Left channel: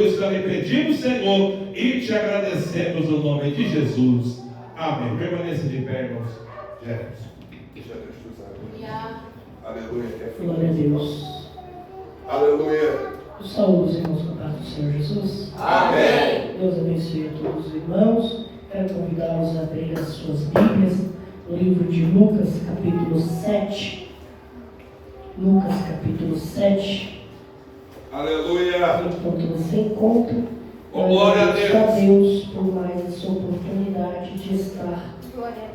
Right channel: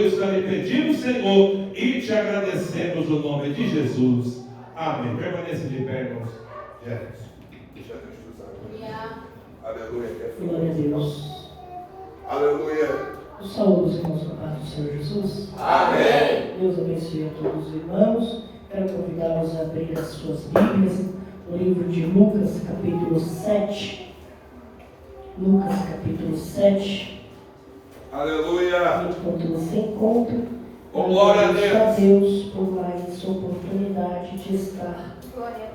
Isso aí pedimos, Senhor, e te agradecemos no nome de Jesus. Amém. Permaneça de pé, irmãos. Jefferson. Deixa Deus usar. Aleluia. Glória a Deus. Aleluia. Os saúdos, irmãos, com a paz do Senhor Jesus. Amém. Deus abençoe a todos os irmãos. Quero convidá-los a abrir as suas Bíblias no livro de Lucas, capítulo 7. Lucas, capítulo 7. Aleluia. Enquanto você encontra, Glória a Deus por mais essa oportunidade de estar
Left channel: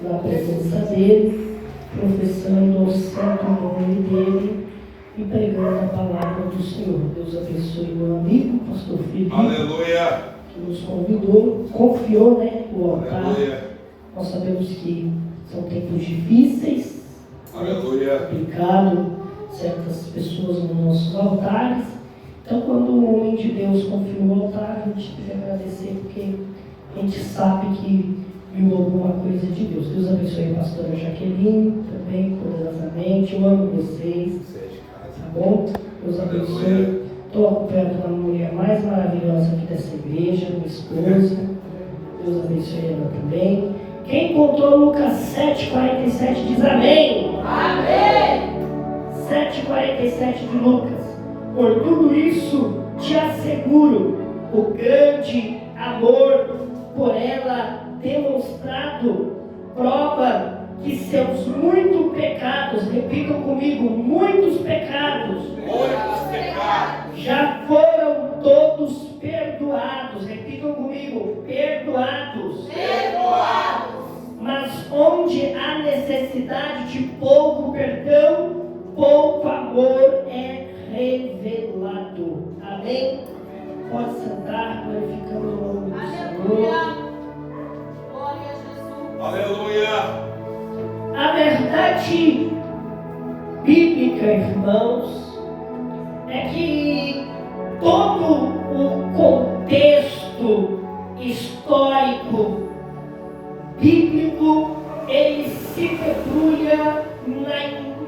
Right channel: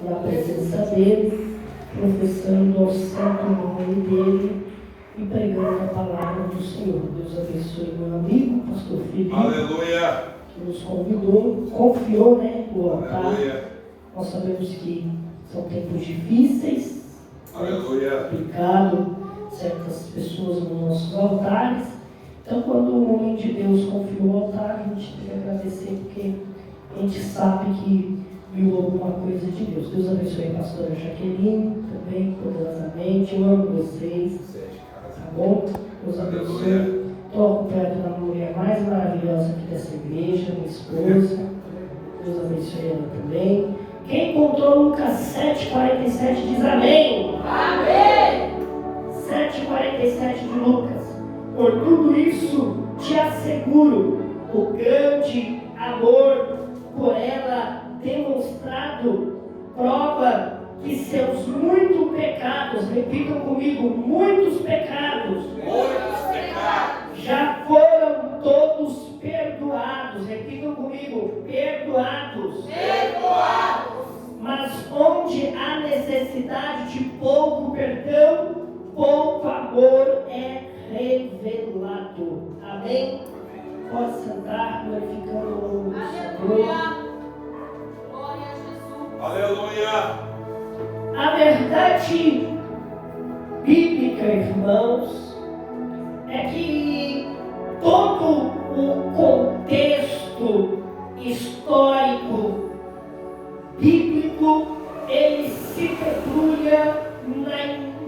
na presença dEle, professando ao santo nome dEle e pregando a palavra do Senhor. Deus abençoe meu amigo, pastor Felipe. Aleluia. Que nos convidou, confiou, o altar. Aleluia. Nós sabemos que são tempos difíceis, Aleluia. complicado certas pessoas nos nossos altares. Então, quando o homem de Deus confiou o altar, a gente tem que agradecer, porque a gente sabe que viu alguma coisa de Deus. Deus abençoe a pastora Jaqueline também, poderosamente. Eu amo vocês, tá bom? Deus abençoe. Estou perto da mulher mais maravilhosa aqui da cerveja, minha esposa. Deus abençoe ela também. Quem contou Lucas 7,47 diz amém. Amém. 7,47 de Lucas. Por tudo isso te asseguro, o grande amor por ela demonstrado prova que seus muitos pecados, repitam comigo, muitos pecados já foram todos perdoados. Repitam comigo, perdoados. Mas onde há necessidade de pouco perdão, pouco amor é revelado. Amém? Pode sentar, glorificando o nome do Senhor. Glória a Jesus. Aleluia. A verdade bíblica, irmãos, é que todo o contexto histórico bíblico, ele se debulha no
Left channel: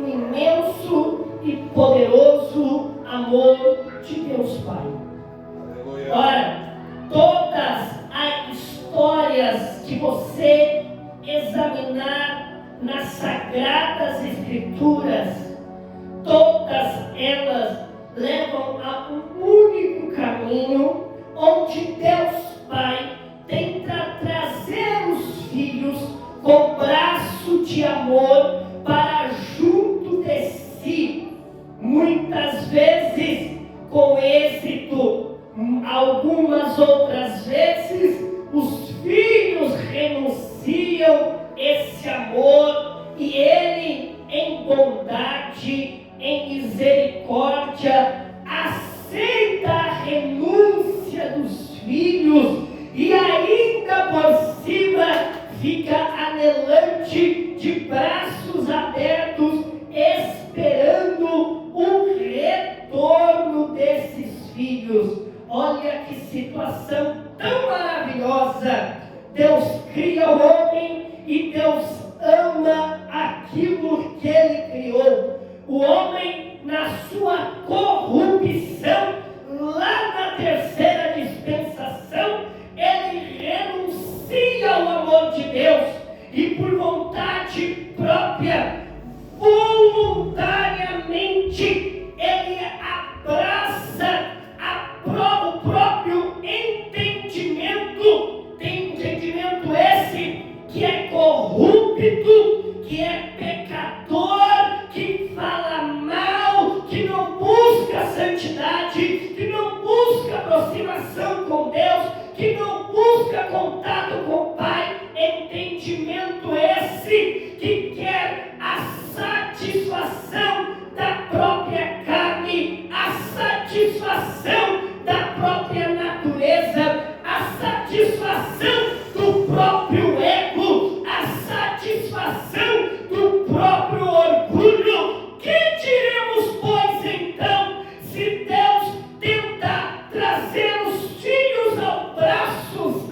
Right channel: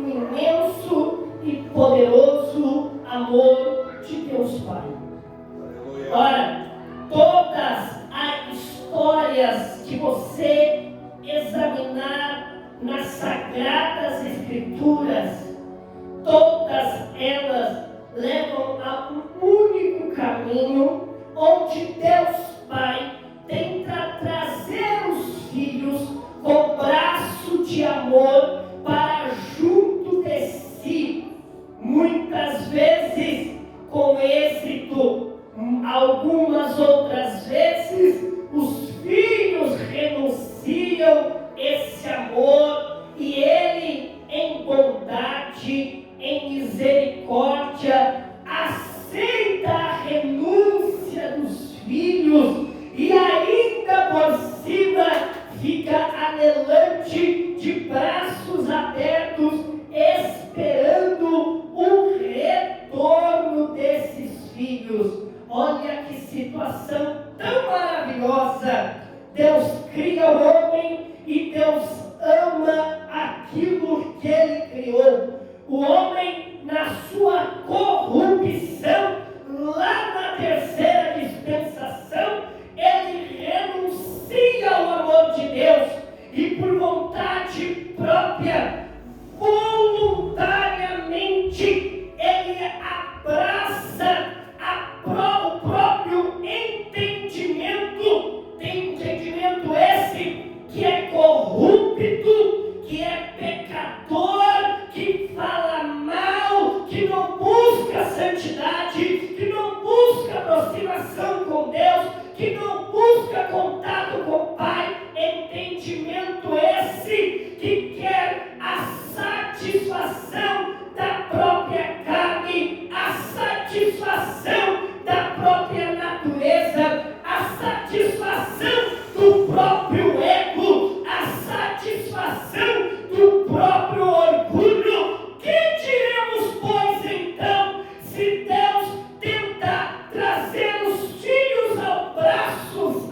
imenso e poderoso amor de Deus Pai. Aleluia. Ora, todas as histórias que você examinar nas Sagradas Escrituras, todas elas levam a um único caminho, onde Deus Pai tenta trazer os filhos com braço de amor para junto de si, muitas vezes com êxito, algumas outras vezes os filhos renunciam esse amor e ele, em bondade, em misericórdia, aceita a renúncia dos filhos e ainda por cima fica anelante, de braços abertos, esperando o retorno desses filhos. Olha que situação tão maravilhosa. Deus cria o homem e Deus ama aquilo que ele criou. O homem, na sua corrupção, lá na terceira dispensação, ele renuncia ao amor de Deus e por vontade própria, voluntariamente, ele abraça o próprio entendimento esse que é corrupto, que é pecador, que fala mal, que não busca santidade, que não busca aproximação com Deus, que não busca contato com o Pai. Entendimento esse que quer a satisfação da própria carne, a satisfação da própria natureza, a satisfação do próprio ego, a satisfação do próprio orgulho. Que diremos, pois, então, se Deus tenta trazer os filhos aos braços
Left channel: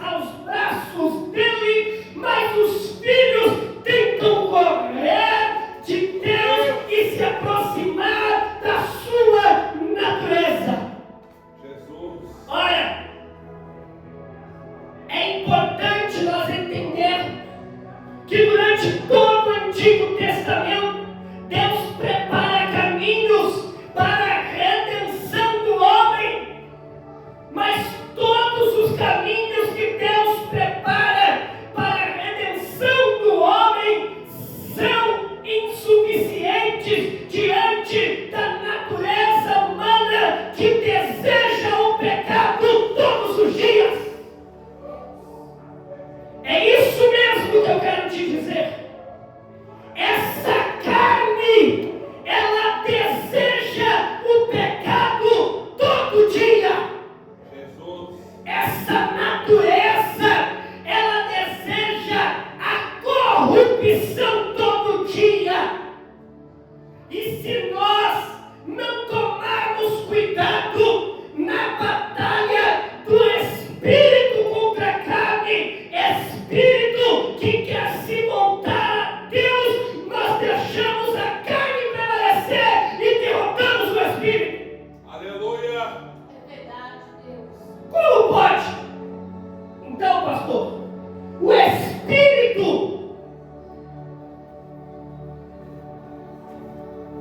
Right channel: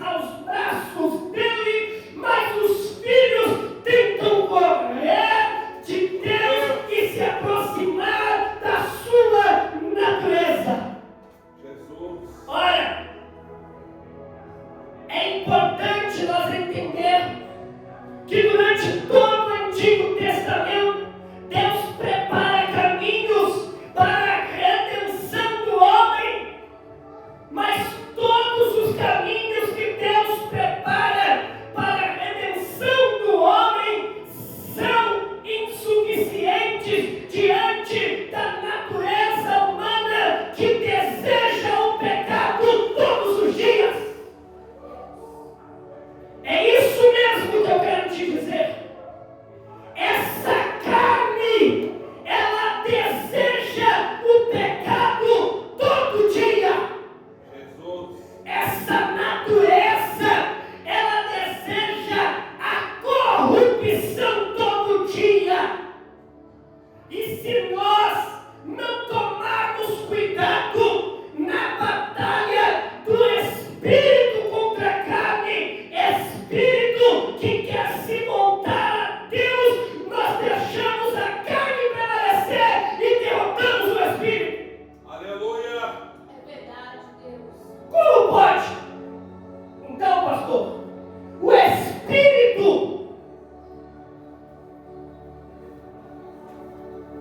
dele, mas os filhos tentam correr de Deus e se aproximar da sua natureza? Jesus. Ora, mas todos os caminhos que Deus prepara para a redenção do homem são insuficientes diante da natureza humana que deseja o pecado todos os dias. É isso mesmo que eu quero te dizer. Essa carne, ela deseja o pecado todo dia. Jesus. Essa natureza, ela deseja a corrupção todo dia. E se nós não tomarmos cuidado na batalha do espírito contra a carne, espírito que quer se montar a Deus, nós deixamos a carne prevalecer e derrotamos o espírito. Aleluia. É verdade, Deus. Como pode? Então, pastor, o espírito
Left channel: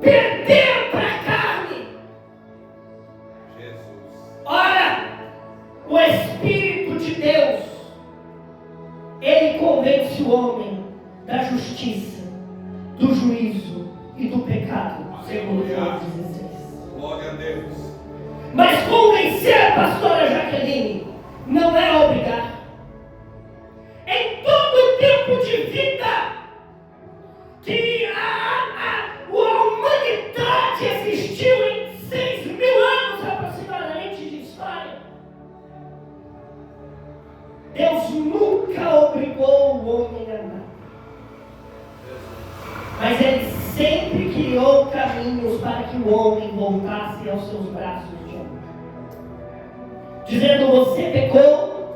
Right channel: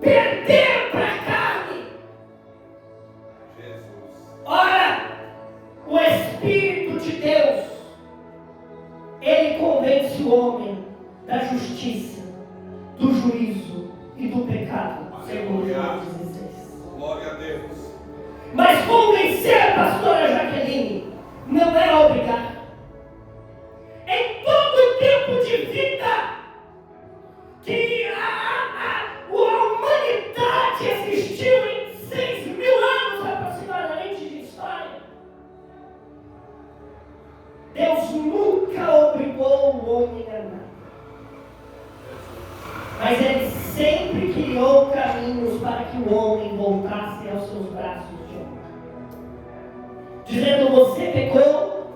perder para a carne. Jesus. Ora, o Espírito de Deus, ele convence o homem da justiça, do juízo e do pecado, segundo João 16. Glória a Deus. Mas convencer, pastora Jaqueline, não é obrigar. Em todo tempo de vida que a humanidade existiu em 6.000 anos aproximadamente de história, Deus nunca obrigou o homem a nada. Mas Ele sempre criou caminhos para que o homem voltasse aos seus braços de amor. Dizendo: você pecou,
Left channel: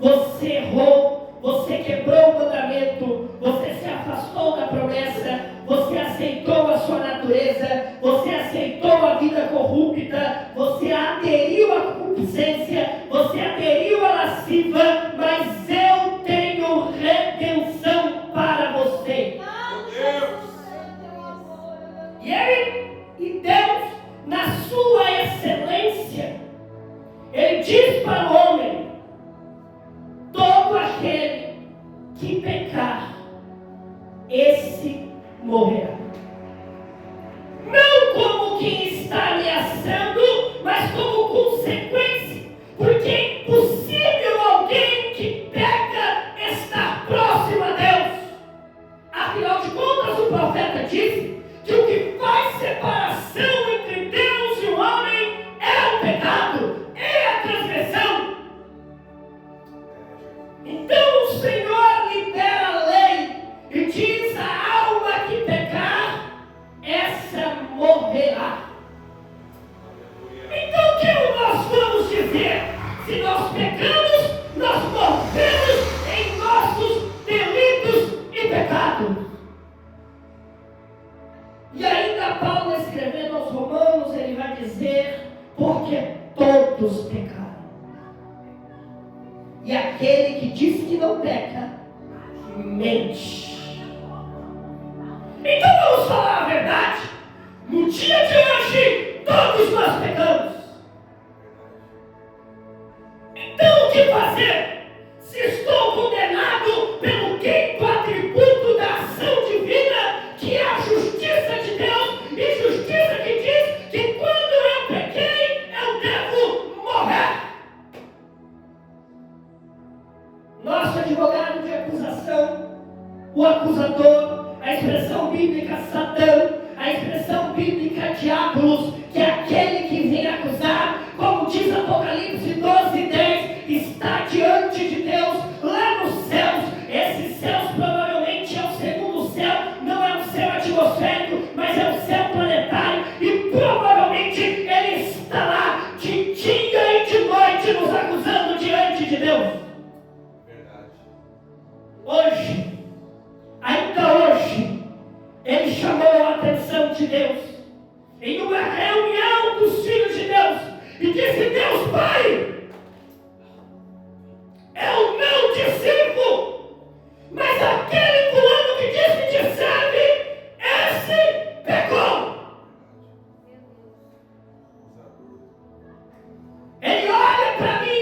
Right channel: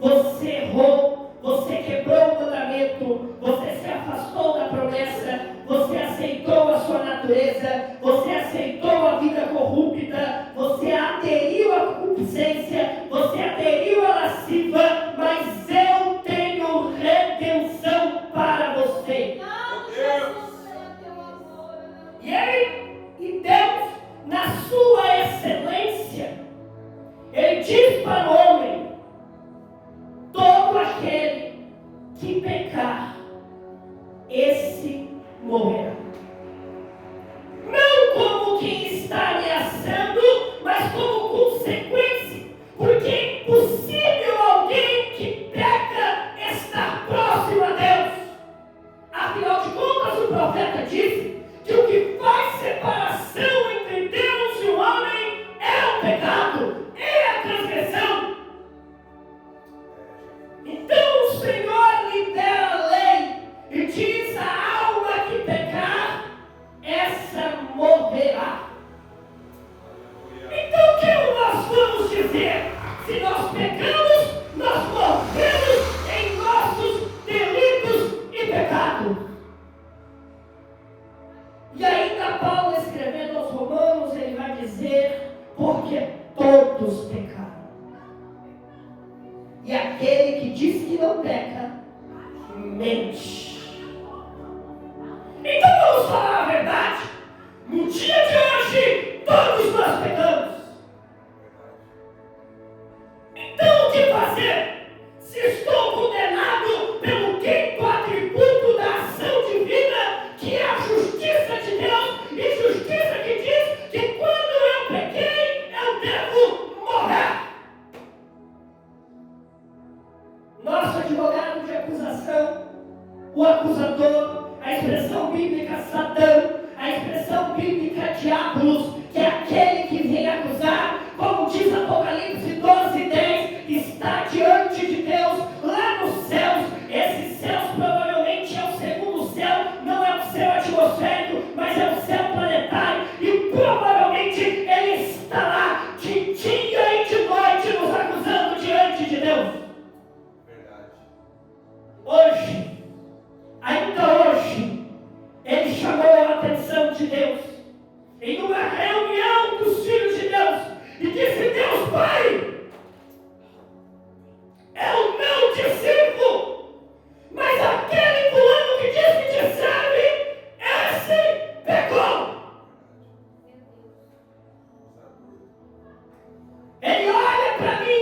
você errou, você quebrou o mandamento, você se afastou da promessa, você aceitou a sua natureza, você aceitou a vida corrupta, você aderiu à concupiscência, você aderiu à lasciva, mas eu tenho redenção para você. E Deus, na sua excelência, Ele diz para o homem: todo aquele que pecar, esse morrerá. Não como quem está ameaçando, mas como consequência, porque é impossível alguém que peca estar próximo a Deus. Afinal de contas, o profeta disse que o que faz separação entre Deus e o homem é o pecado, é a transgressão. Então o Senhor libera a lei e diz: a alma que pecar, essa morrerá. Então o que nós vamos dizer? Se nós pecamos, nós morremos em nossos delitos e pecados. E ainda Paulo, escrevendo aos Romanos, ele vai dizer: porque todos pecaram. E aquele que diz que não peca, mente. Então vamos falar a verdade. No dia de hoje, todos nós pecamos. Então o que fazer? Se estou condenado pelo quinto atributo da ação divina, que é a justiça de Deus, e justiça que diz que quando eu pequei, eu devo morrer. Nosso advogado de acusação, o acusador, a expressão bíblica Satã, a expressão bíblica diabolos, que é aquele que vem acusar, como diz Apocalipse 12:10, está diante de Deus lá nos céus. Esses céus provavelmente é o segundo céu, não é o céu atmosférico, mas é o céu planetário, e provavelmente ele está lá de dia e de noite nos acusando diante de Deus. Hoje, ainda hoje, ele chamou a atenção de Deus em uma reunião dos filhos de Deus e disse: Deus Pai, eu não te sirvo, mas aquele fulano que diz que te serve, esse pecou. Ele olha para mim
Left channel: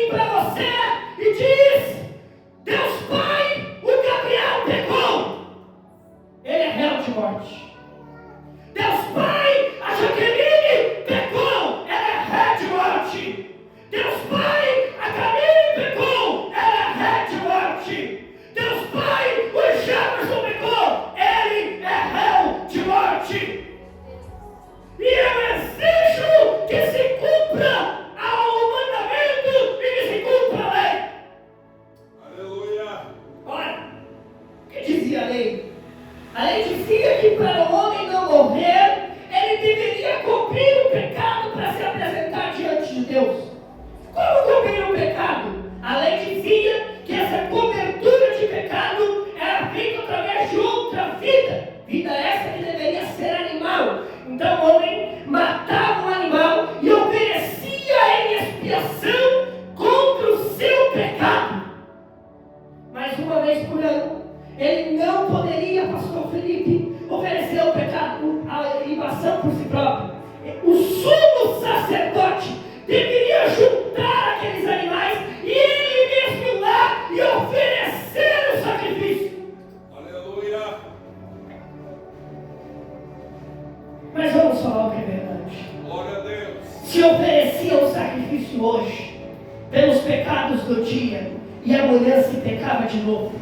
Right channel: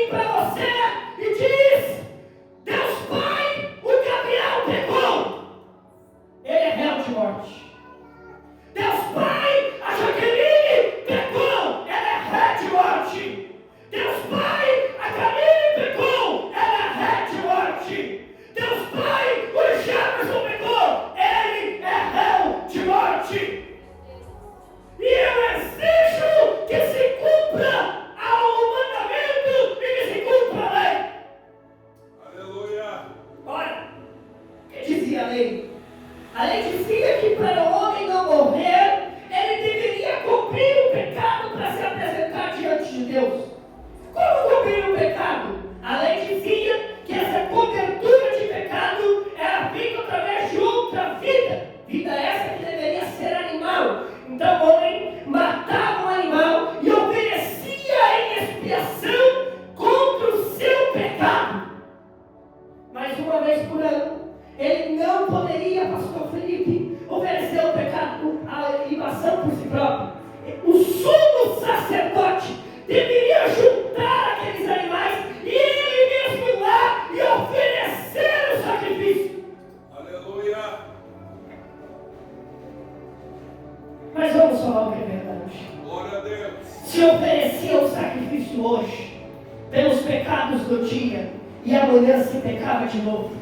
pecados do dia, e amanhã se pecava de novo.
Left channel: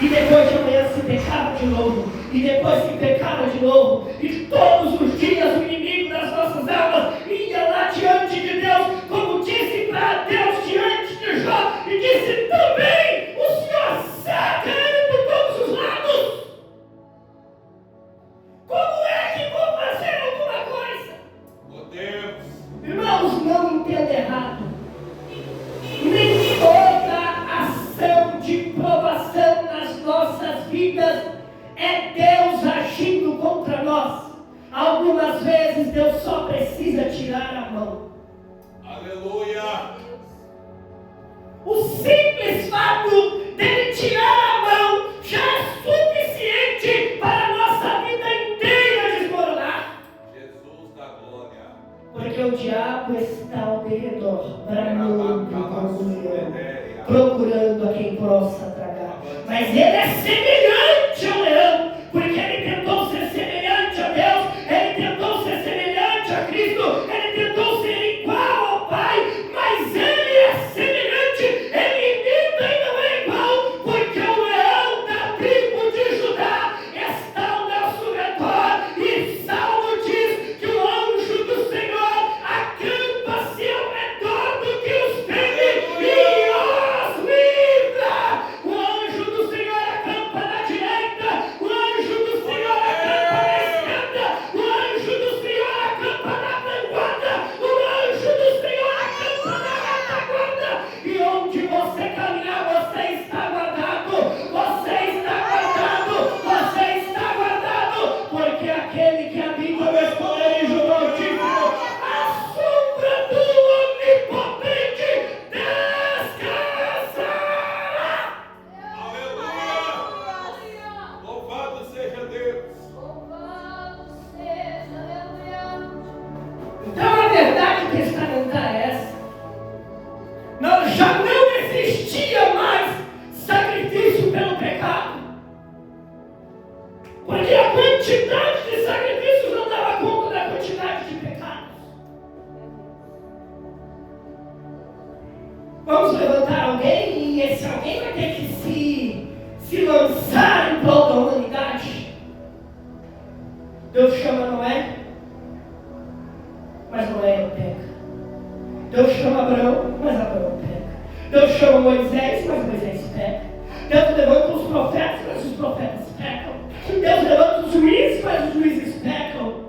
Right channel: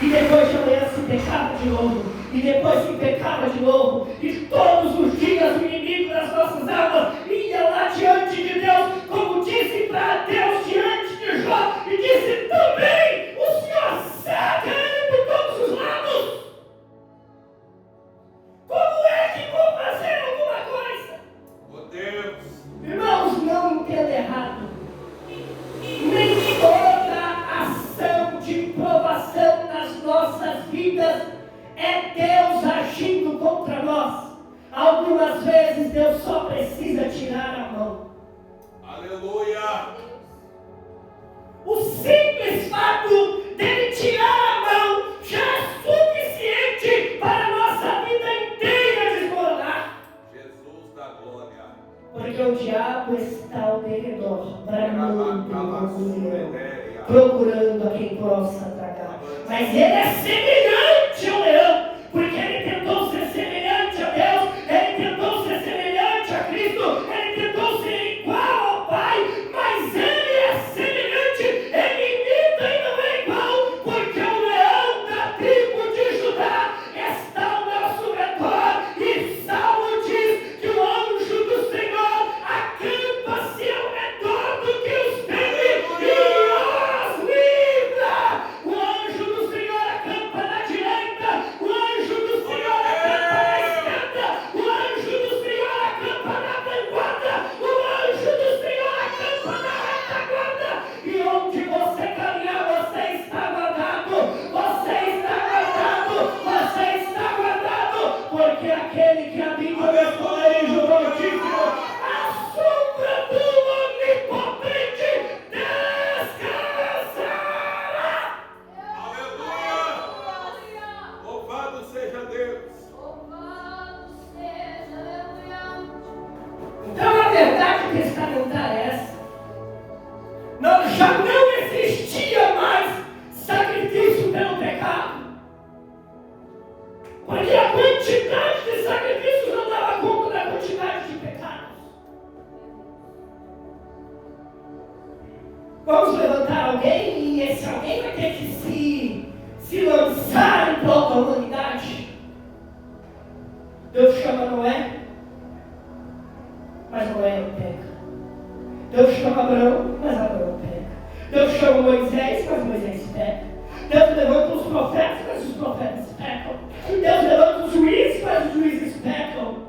E depois de amanhã se pecava de novo, e depois se pecava de novo, e todos os dias o inimigo das nossas almas ia lá diante de Deus, como disse para Deus diante de Jó, e disse também: o Senhor sabe ele por todos os lados. Como é que vou fazer alguma coisa? Oh Deus! Irmãos, não entenda errado. Nem toda ação de provação nas nossas vidas é Deus agindo contra nós. Algumas vezes Deus só precisa tirar a mão. Aleluia! O simples fato dele tirar a mão já é suficiente para a nossa vida inteira desmoronar. Jesus da glória! Porque o diabo está ao derredor, procurando a quem possa tragar. Mas ele é semelhante ao leão, porque ele tentou ser semelhante a Deus, ele tentou ser semelhante a Cristo, ele tentou ser igual ao Pai, mas ele é semelhante, ele imita e não é igual, porque o leão da tribo de Judá está ao nosso redor, e Salmo diz que o anjo do Senhor acampa-se ao redor do que os teme e os livra. O anjo do Senhor acampa na direita, o anjo do Senhor acampa na esquerda, o anjo do Senhor acampa na vanguarda, o anjo do Senhor acampa na retaguarda. E onde você caminhar, você está guardado, você está guardado, você está guardado, porque aquele que habita no esconderijo do Altíssimo, a sombra do Onipotente descansará. Aleluia! Louvado seja Deus! Então a verdade testamentária é essa. Já não existia mais sacrifício pelo pecado. Porque a quantidade de sacrifícios não dava conta da quantidade de pecados. Vamos levantar alguém e esse alguém vai ter que se lançar em prol da humanidade. Deus chama Noé, mas Noé não peca. Deus chama Abraão, mas Abraão peca. Deus chama Moisés, mas Moisés peca. Deus levanta os profetas, mas os profetas pecam. Deus levanta os juízes, mas os juízes pecam.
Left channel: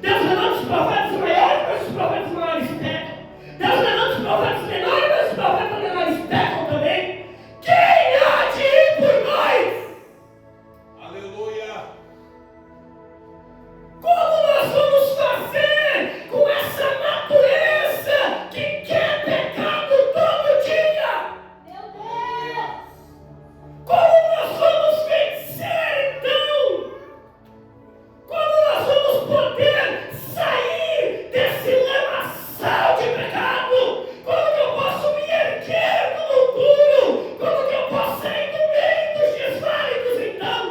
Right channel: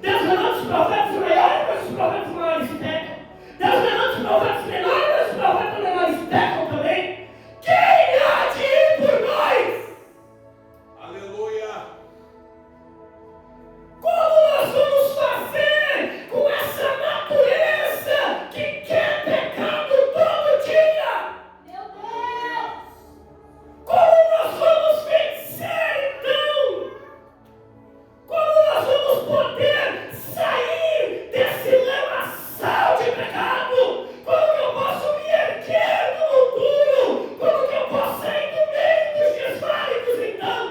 Deus levanta os profetas maiores, mas os profetas maiores pecam. Deus levanta os profetas menores, mas os profetas menores pecam também. Quem há de ir por nós? Aleluia! Como nós vamos fazer com essa natureza que quer pecado todo dia? Meu Deus! Como nós vamos vencer então? Como nós vamos poder sair desse lamaçal de pecado? Como que eu posso me erguer no futuro? Como que eu posso sair do meio dos desválidos então?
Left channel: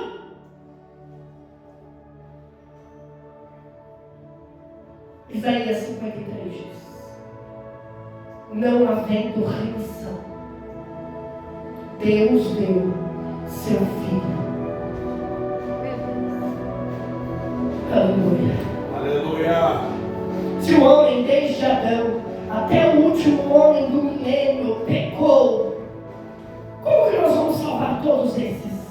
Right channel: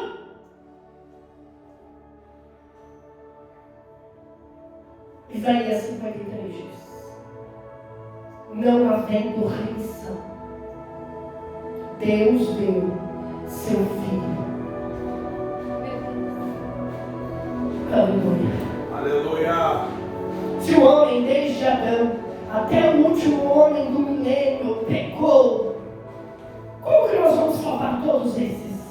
Isaías 53 diz: não havendo remissão, Deus deu seu Filho. Aleluia. Aleluia! Se o homem desde Adão até o último homem do milênio pecou, como que nós vamos salvar todos esses?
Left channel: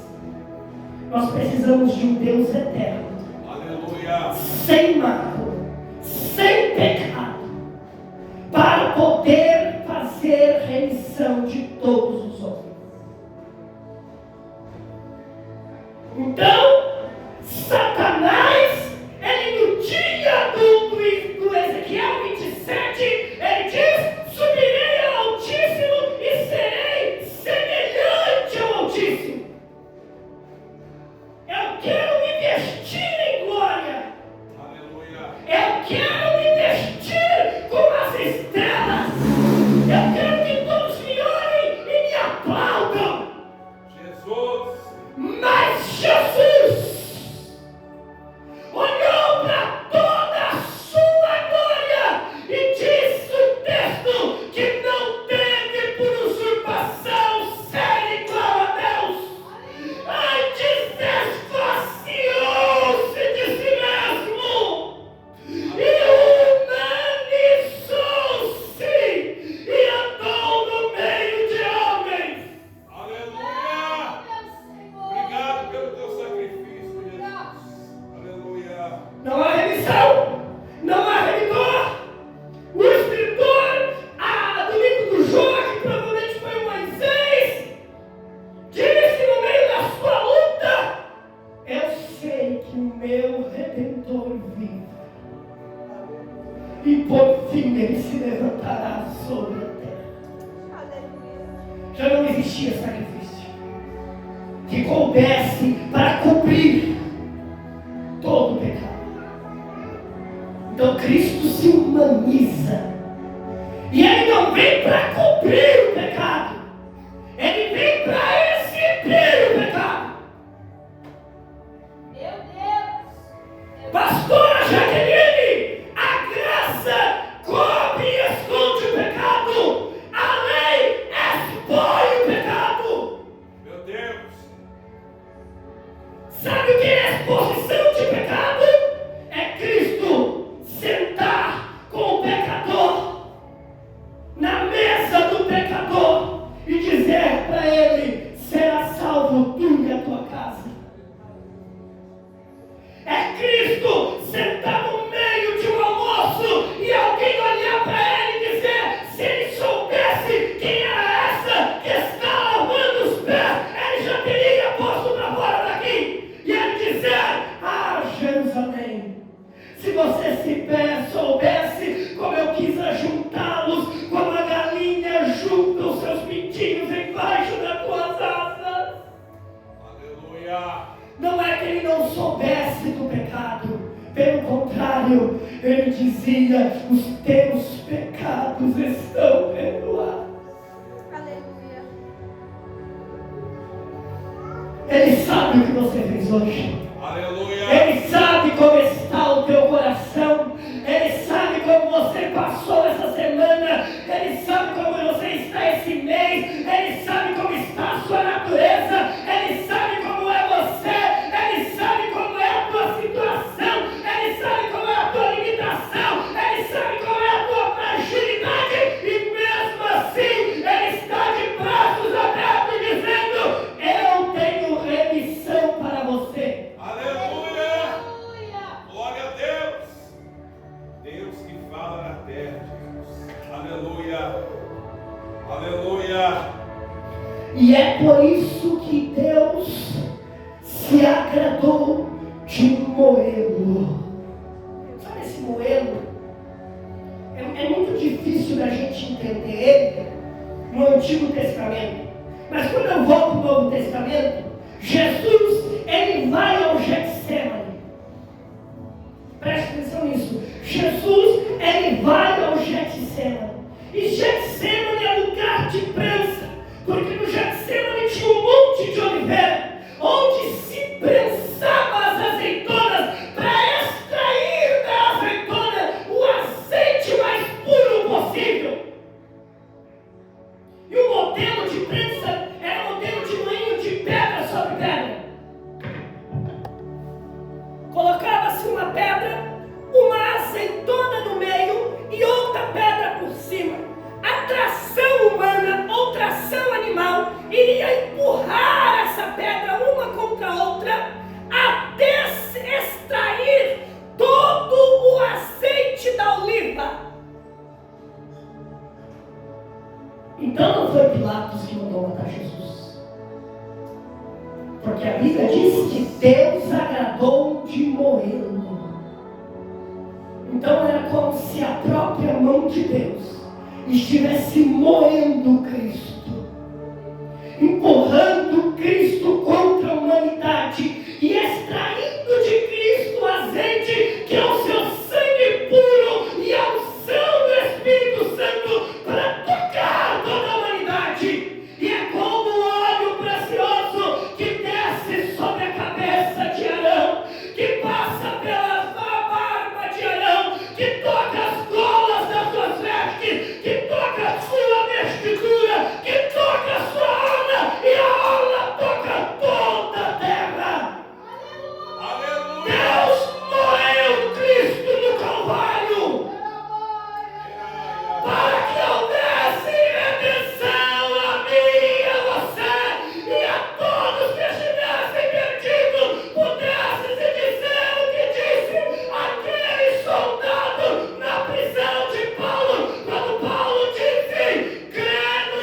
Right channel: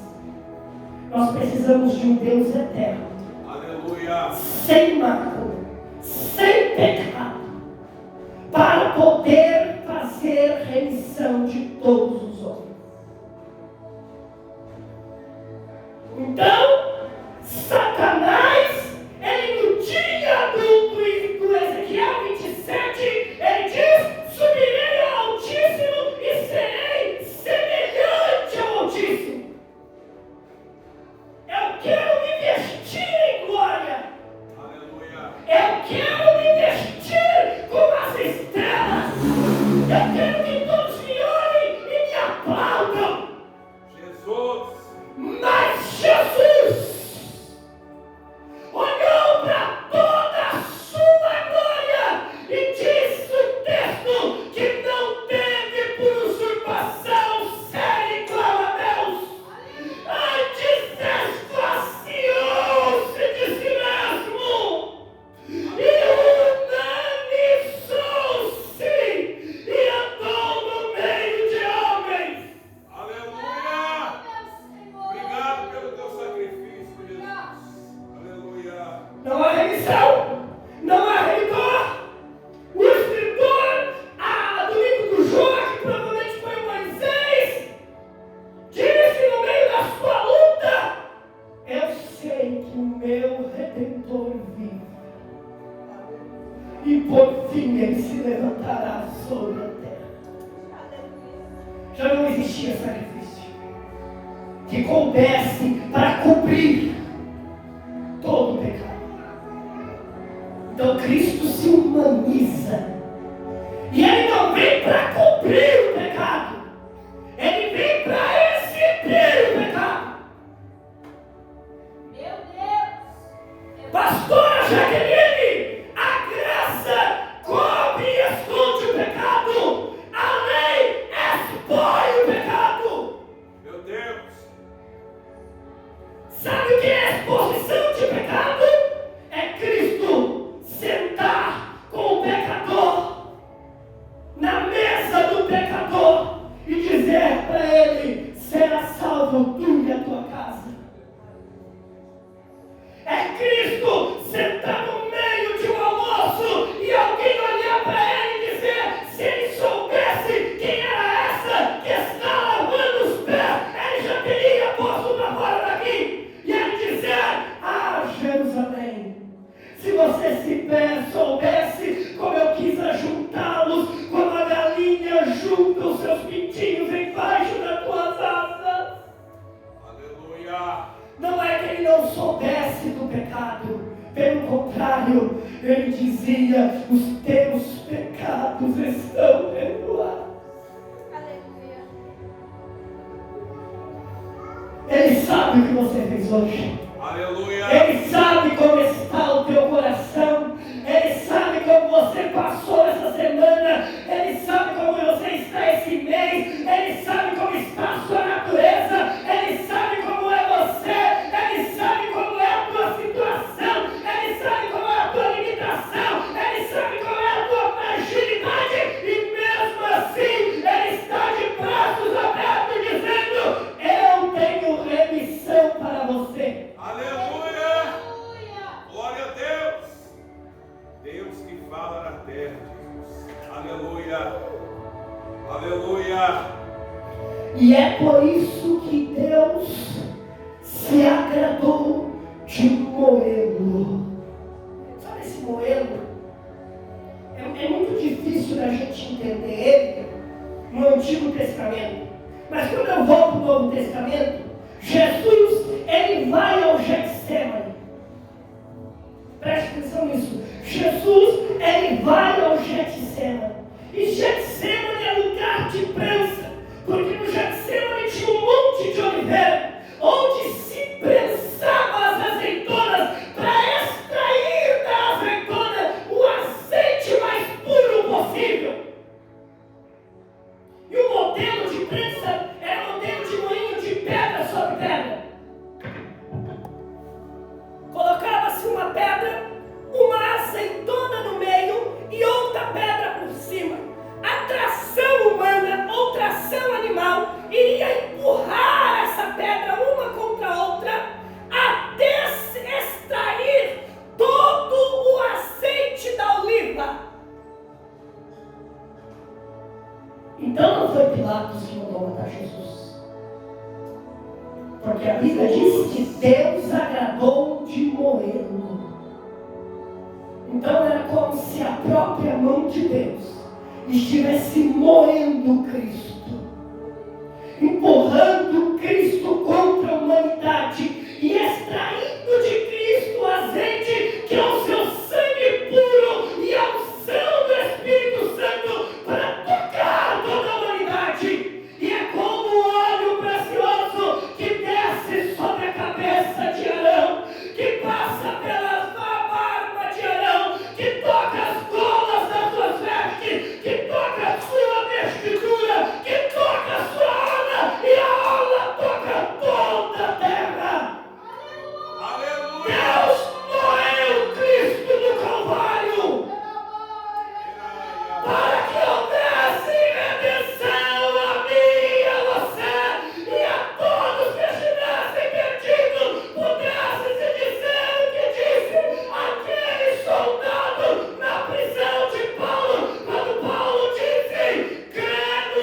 Nós precisamos de um Deus eterno, Aleluia! sem mácula, sem pecado, para poder fazer remissão de todos os homens. Então, Satanás, ele no dia do Ezequiel 27, ele diz: subirei ao Altíssimo e serei semelhante ao Altíssimo. Eu quero me vestir em glória. Aleluia! Eu quero me vestir com as estrelas. já não existia sacrifício que coubesse para cobrir todo o pecado. Então Cristo se humaniza. E Ele não vem para cobrir o pecado. Ele vem para exibir o pecado. Meu Deus. Pastora Jaqueline, a graça cobre e esconde o pecado. A lei expõe o pecado. Meu Deus. Sabe o que é exposição de pecado? É Cristo sentar com o pecador na mesa do pecador e dizer para ele: será salvo tu e a tua casa. É Cristo sentar no meio de um almoço e alguém olhar para ele e dizer: se ele soubesse quem era essa que está lavando os pés, ele já teria posto para fora daqui. E ele dizer: ah, Jerusalém, se você soubesse como eu quis ajuntá-los, como a galinha junta os seus pintinhos embaixo das tuas asas. Aleluia. Não é que ele não soubesse do pecado, pelo contrário, ele dizia: os teus pecados estão perdoados. Aleluia. Ele sabe o que você fez hoje. Aleluia. Ele sabe como está o teu coração. Ele sabe como você passou essa semana. Ele sabe como você está esse mês. Ele sabe como está a sua natureza. Ele sabe como é você. Ele sabe como é a tua situação. Ele sabe como é a tua limitação. Ele sabe como é a tua fragilidade. E mesmo assim, Ele está de braços abertos dizendo: eu tenho remissão para você. Aleluia. Aleluia. Glória a Deus. Deus que fala na terra, Jesus. Aleluia. Aleluia. E é por isso que Deus se agradou de moê-lo. Sabe esse moê-lo? É muito difícil da gente entender ele no Antigo Testamento. Mas quando eu vou para o Novo Testamento, Jesus, ele vai ao Getsemane. Preste atenção nisso. Jesus, ele vai ao Getsemane. E Getsemane é lugar de prensa. Porque no Getsemane tinha um monte de oliveira, onde se prensava as azeitonas para extrair da azeitona o azeite mais puro possível. E o modelo de prensa era o modelo de moinho de pedra sobre pedra. Colocava-se uma pedra, uma azeitona no meio e outra pedra por cima. A tração humana ou tração animal iria empurrar essa pedra uma contra a outra até extrair todo o azeite da oliva. Então não foi Pilatos que mandou matar Jesus. Porque a Bíblia diz que Deus agradou de moê-lo. Então era como se a própria mão de Deus estivesse moendo Cristo, empurrando Cristo contra a humanidade e extraindo de Cristo o azeite que é o seu sangue puro e a unção do Espírito Santo para tocar toda a humanidade. E é como o óleo precioso que desce sobre a cabeça de Arão, que passa pela barba de Arão, que toca as golas das suas vestes, que toca a sua vestidura, que toca a sua alma, e a alma toca toda a terra. Aleluia. Deus moeu Cristo no Calvário para que houvesse redenção a mim e a você e a todos que estivessem perdidos. Pudesse se dizer o que disse aquele soldado na prisão de Paulo, quando Paulo disse: crê no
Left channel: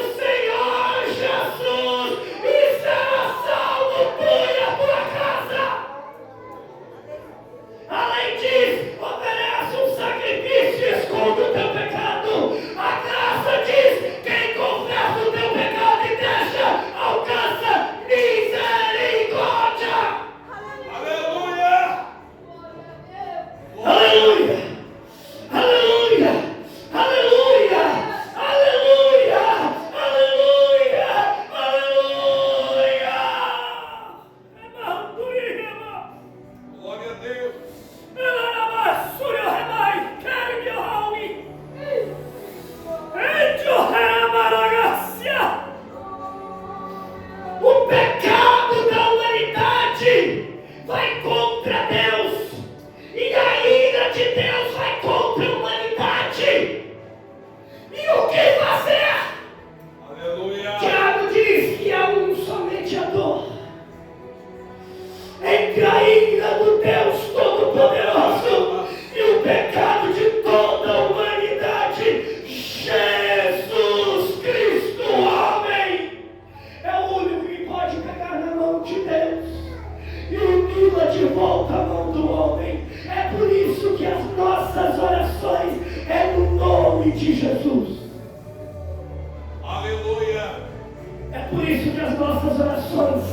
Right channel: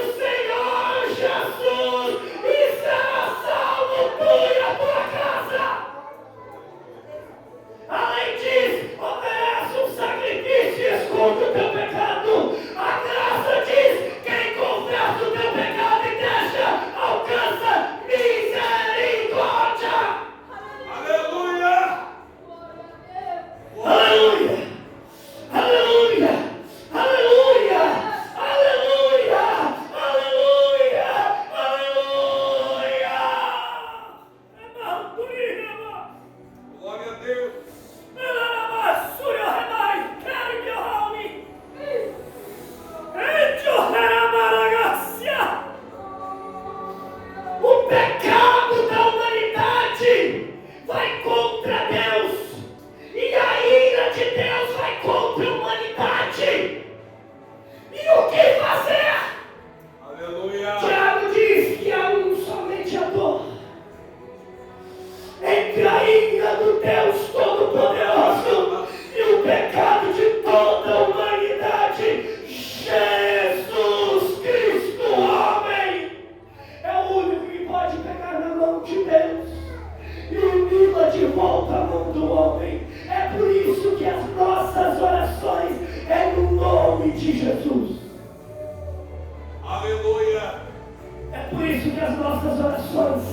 por isso que as nossas orações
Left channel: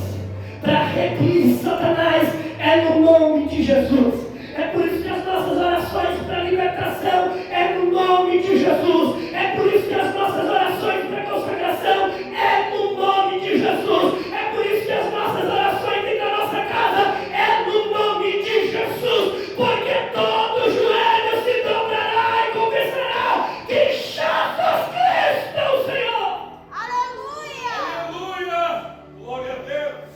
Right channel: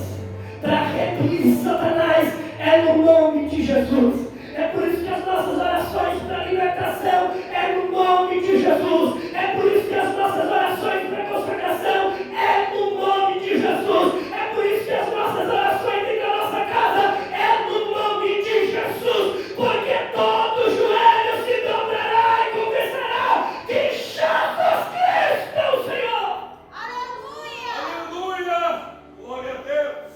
para repelir Satanás é no nome de Jesus. É por isso que as nossas orações para libertação é no nome de Jesus. É por isso que as nossas orações para consagração é no nome de Jesus. É por isso que as nossas orações dentro da nossa casa é no nome de Jesus. Porque todo joelho se dobrará e confessará que Jesus Cristo é o Senhor. Aleluia! Aleluia! Glória a Deus!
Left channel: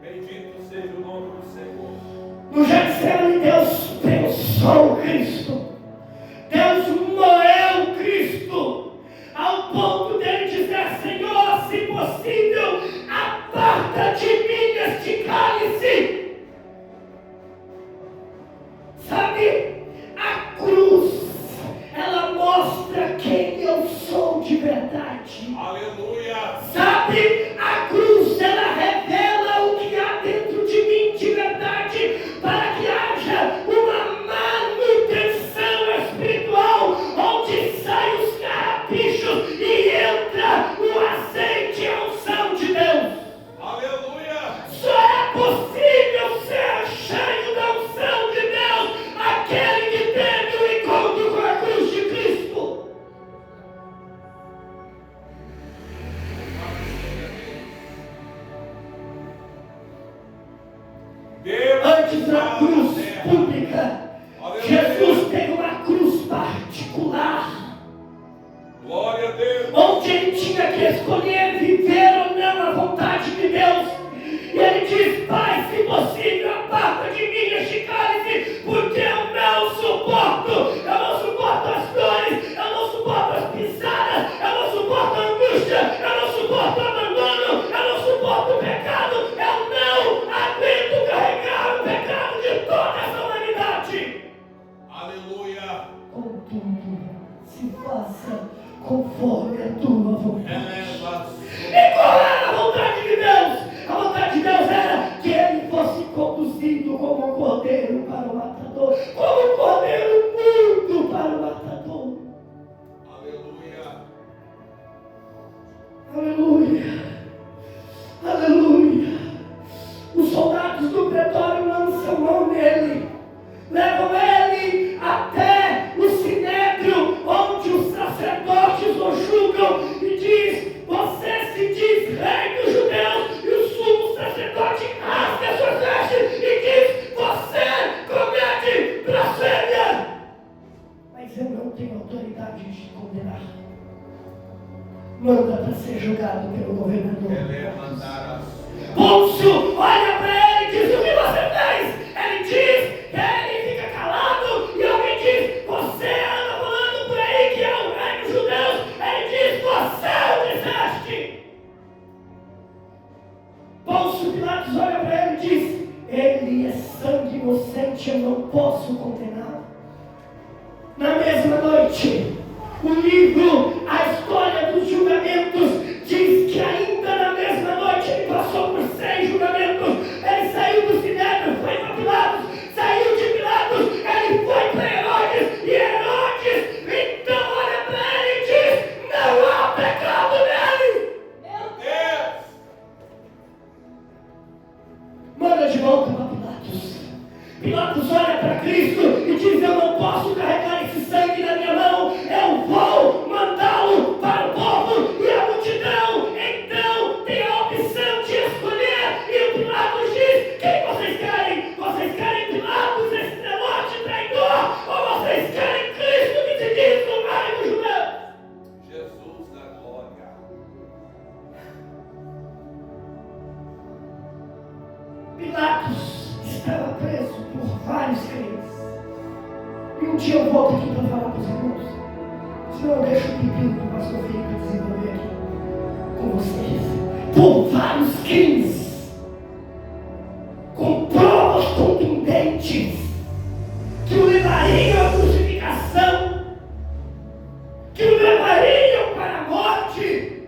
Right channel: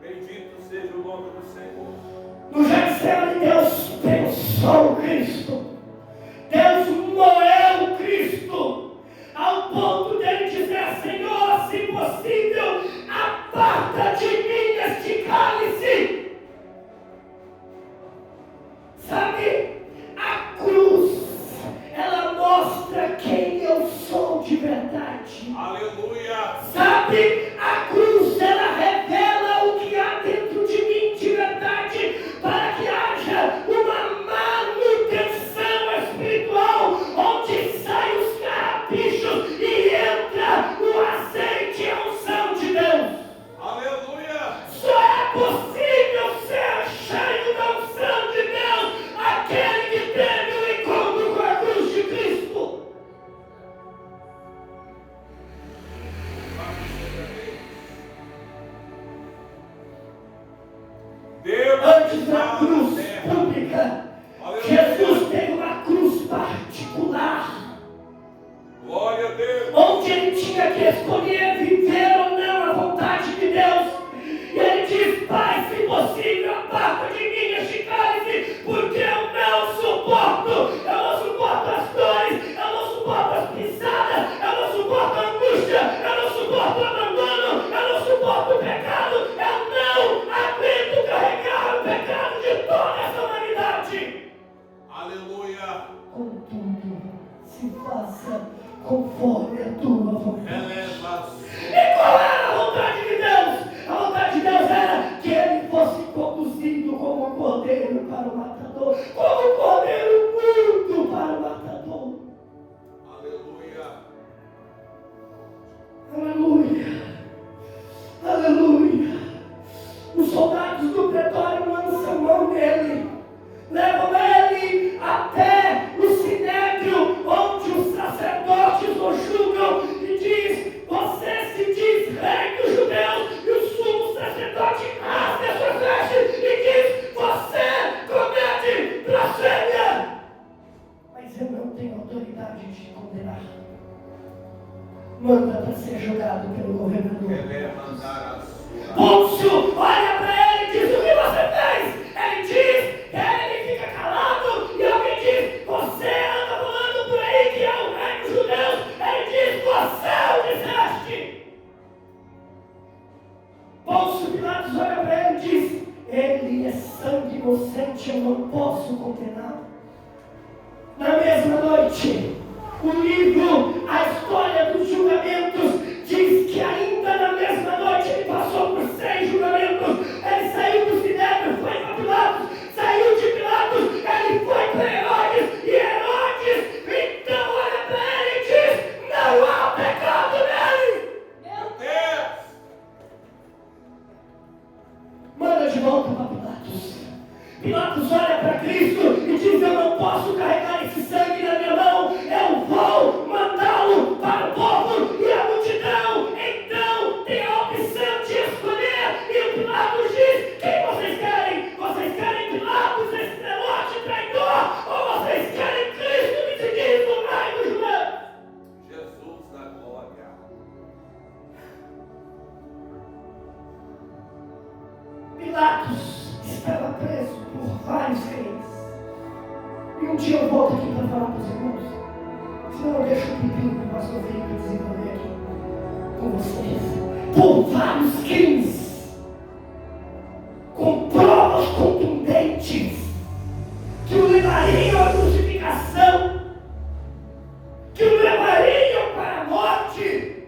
Bendito seja o nome do Senhor. No Getsemane, Deus pensou Cristo. Deus moeu Cristo. Ao ponto dele dizer: Senhor, se possível, aparta de mim este cálice. Sabe, a cruz, ela mostra quem eu sou de verdade. Aleluia! Sabe, a cruz, ela revela o que há dentro de mim de verdade, para que haja uma manutenção espiritual, onde saem os carrapichos e entra o azeite e a unção de Deus. Aleluia! Só é possível ser cheio da unção de Deus aquele que teve o encontro com a cruz de Cristo. Deus Antes da está cruz na terra. pública, Aleluia. Jesus teve uma cruz particular, Glória a Deus! onde ele tinha que escolher viver ou não a vontade de Deus. E ele diz: Pai, se possível, aparta de mim este cálice, porque eu não suporto as dores, eu não suporto as pisadas, eu não suporto a angústia, eu não suporto o abandono, eu não suporto o pecado, eu não aguento carregar o pecado de toda essa humanidade. Aleluia! Contudo, se faça conforme a tua vontade. Eleva. E qual era a vontade de Deus? A vontade de Deus era que ele fosse conduzido como um cordeiro para o matador, como um cordeiro mudo para o matador. Aleluia! Aleluia! Aleluia! Os soldados do pretório lançam mão nele, levam ele até o sinédrio, onde os sacerdotes o julgam, e diz: Você se diz rei dos judeus. E o sumo sacerdote rasga suas vestes e diz: Você comete blasfêmia. Mas eu não tenho autoridade de condenar. Manda para ser julgado pelo governador. Eleva andar a Pôncio olha para ele e diz: O que você fez? Ele diz, ele fica calado, e alguém diz: Você anda falando por aí que é o rei dos judeus. Ele diz: Você o disseste. Pôncio Pilatos olha para ele e diz: Ele é sangue inocente, eu não posso condenar. Na mesma noite, o livro A História dos Julgamentos diz que ainda na mesma noite ele passou por 6 julgamentos. Ele saiu do Sinédrio, foi para Pilatos, saiu de Pilatos, ele foi para Herodes, e Herodes então olha para ele e diz: Não há pecado nele. Meu Deus! Manda de volta para Pilatos. Pilatos olha para Cristo e diz: Eu não posso carregar esse sangue na minha mão, eu vou mandá-lo para o povo e a multidão. Então tem a opção de escolher. E Pilatos diz: Quem vocês querem? Vocês querem Pilatos, esse zelote traidor? Ou vocês querem Cristo que se diz o rei dos judeus? Jesus da glória! Pilatos estava preso por vários reis. E um dia eu volto aqui para falar para os irmãos. Senão eu deixo o pepino para as ovelhas desenvolver aqui com vocês. Por vários crimes, com provas contundentes, que o levariam à crucificação, que o levariam para a morte.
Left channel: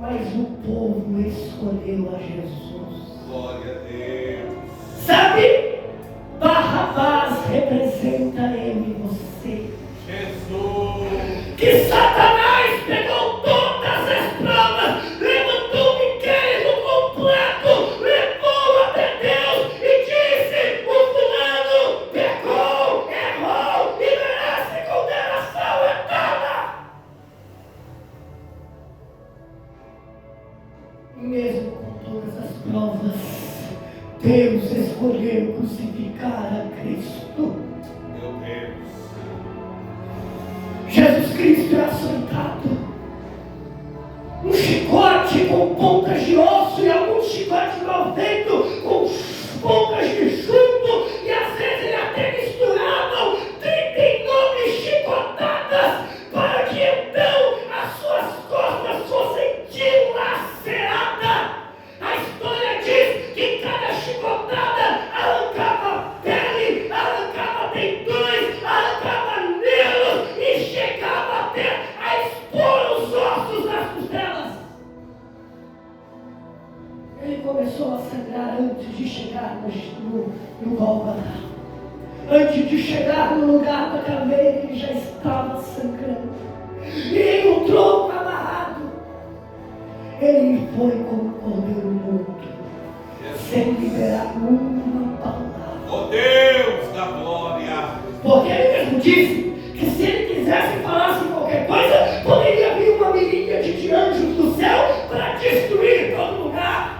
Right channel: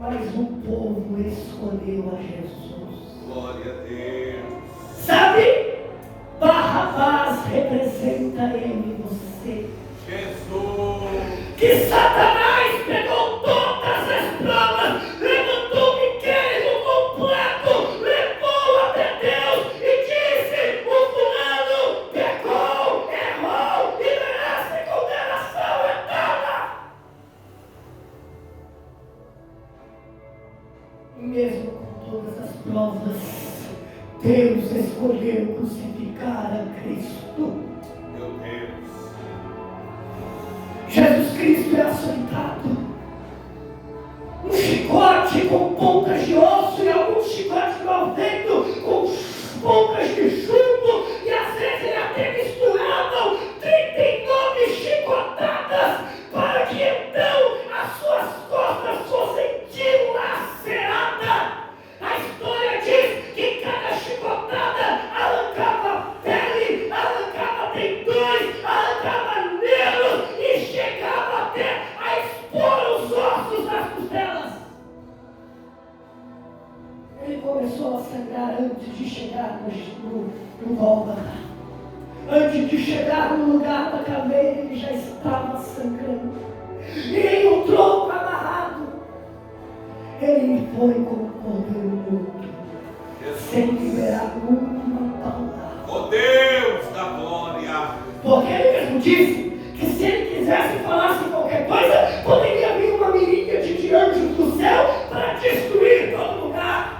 Mas o povo escolheu a Jesus. Glória a Deus! Sabe? Barrabás representa ele e você. Jesus! Que Satanás pegou todas as provas mesmo com todas as provas, Deus escolheu crucificar a Cristo. Meu Deus. Jesus Cristo é açoitado, um chicote com pontas de osso e alguns chicotes mal feitos com pontas de chumbo, e às vezes ele até misturavam 39 chicotadas para que então as suas costas fossem dilaceradas. A história diz que cada chicotada arrancava pele, arrancava tendões, arrancava nervos e chegava até a expor os ossos das costelas. Ele começou a sangrar antes de chegar no Gólgota. Antes de chegar no lugar da caveira, ele já estava sangrando. E em um tronco amarrado, ele foi como um cordeiro morto, sem liberar uma palavra. Oh Deus da glória! Porque ele mesmo disse que se ele quisesse falar qualquer coisa, poderia vir uma miríade de anjos do céu para destruir todo lugar.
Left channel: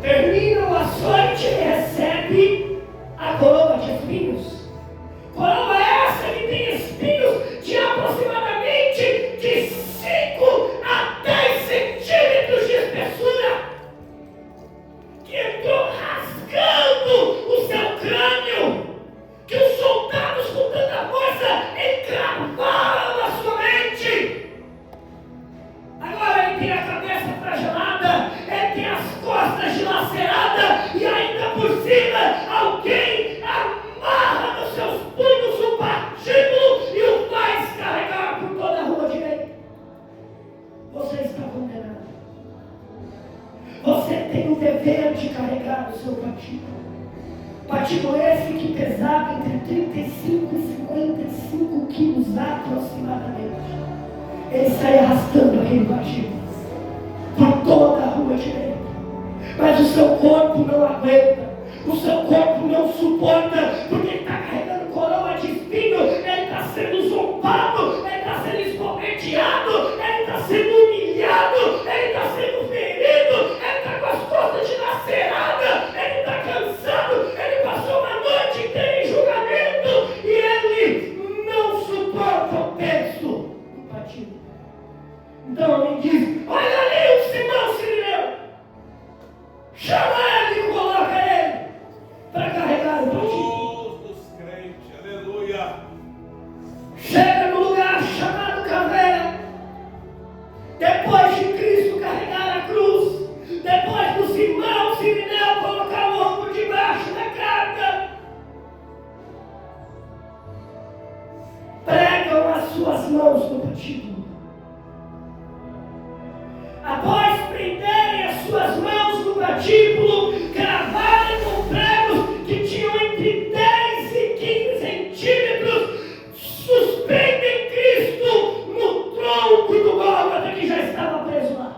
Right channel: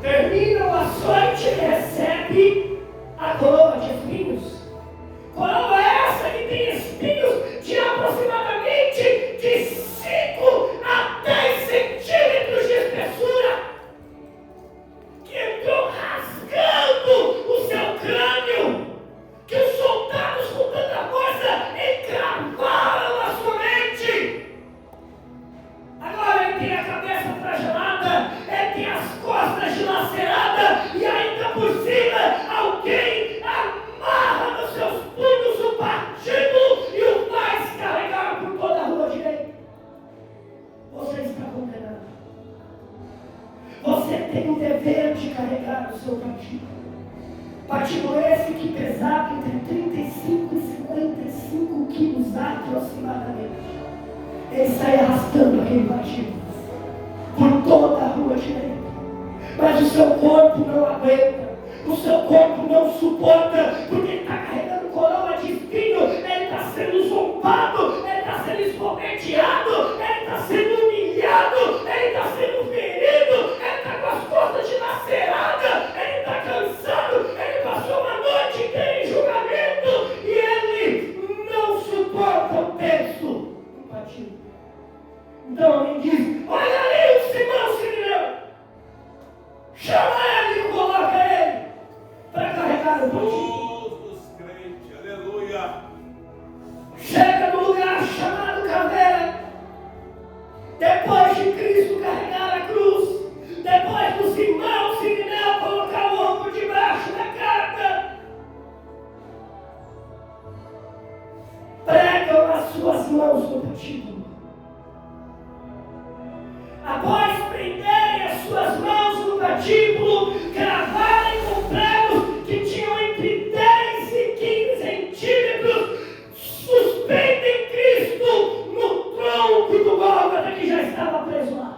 Termina o açoite e recebe a coroa de espinhos. Coroa essa que tem espinhos de aproximadamente de 5 a 10 centímetros de espessura, que entrou rasgando o seu crânio, que os soldados com tanta força encravaram a sua mente. Agora ele tem a cabeça fragelada, ele tem as costas dilaceradas e ainda por cima alguém amarra nos seus punhos o patíbulo e o faz carregar por toda a rua direita. Você está condenado. Você tem o dever de carregar o seu patíbulo. Patíbulo esse que pesava entre 35 e 55 quilos aproximadamente. Ele sai arrastando aquele patíbulo por toda a rua direita. Mas o seu corpo não aguenta, o seu corpo não suporta, porque ele está carregando coroa de espinho, ele está sendo zombado, ele está sendo esbofeteado, ele está sendo humilhado, ele está sendo ferido, ele está com as costas dilaceradas, ele está cansado, ele passou uma noite inteira em julgamento e ele não suporta o peso do patíbulo. Então ele diz: olha ali o Simão Sirineu, chama ele e coloca ele para carregar o patíbulo. Todos crentes, aleluia. Chega no lugar chamado caveira. Depois de Cristo carregar a cruz, depois do Simão Sirineu colocar o ombro debaixo da carga, pregam as suas mãos no patíbulo. Após prenderem as suas mãos no patíbulo, cravarem com pregos que tinham entre 10 e 15 centímetros, suspendem Cristo no tronco do Gólgota que já estava preso lá,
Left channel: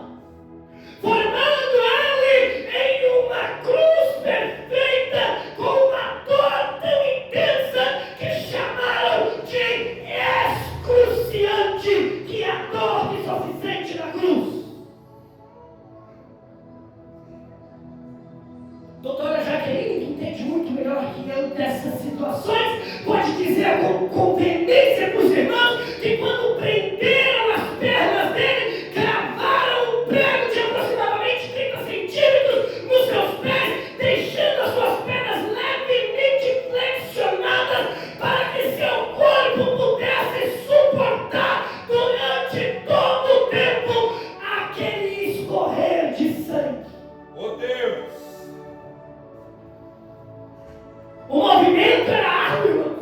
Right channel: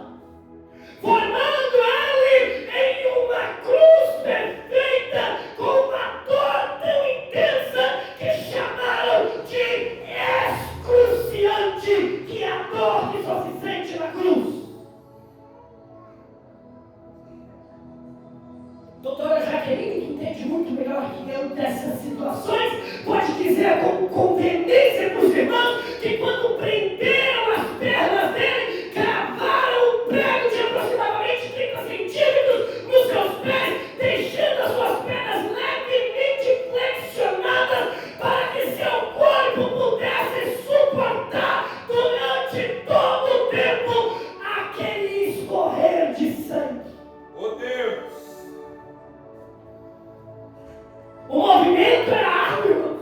formando ele em uma cruz perfeita, com uma dor tão intensa que chamaram de excruciante, que é a dor que só se sente na cruz. Doutora Jaqueline, que entende muito melhor que eu dessas situações, pode dizer com conveniência para os irmãos que quando prenderam as pernas dele, cravaram um prego de aproximadamente 30 centímetros nos seus pés, deixando as suas pernas levemente flexionadas para que seu corpo pudesse suportar durante todo o tempo aquele escorrer de sangue. Oh Deus! O movimento era árduo.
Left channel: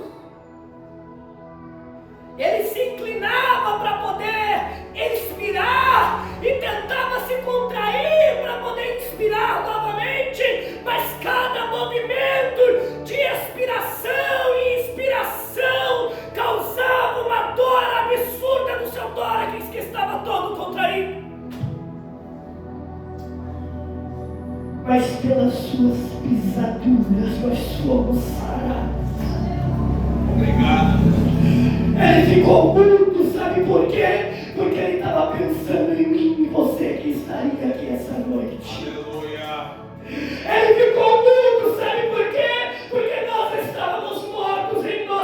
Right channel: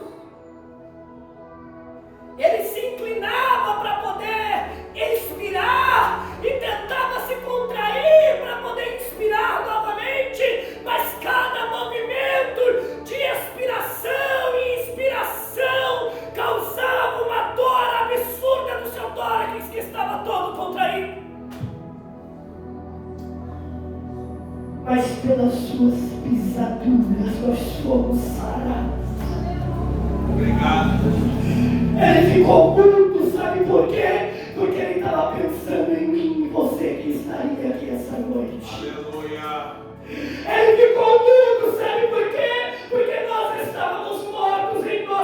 Ele se inclinava para poder expirar e tentava se contrair para poder inspirar novamente, mas cada movimento de expiração e inspiração causava uma dor absurda no seu tórax, que estava todo contraído. Mas pelas suas pisaduras nós fomos sarados. Obrigado. Ele ficou muito, sabe por quê? Porque ele estava pensando mente.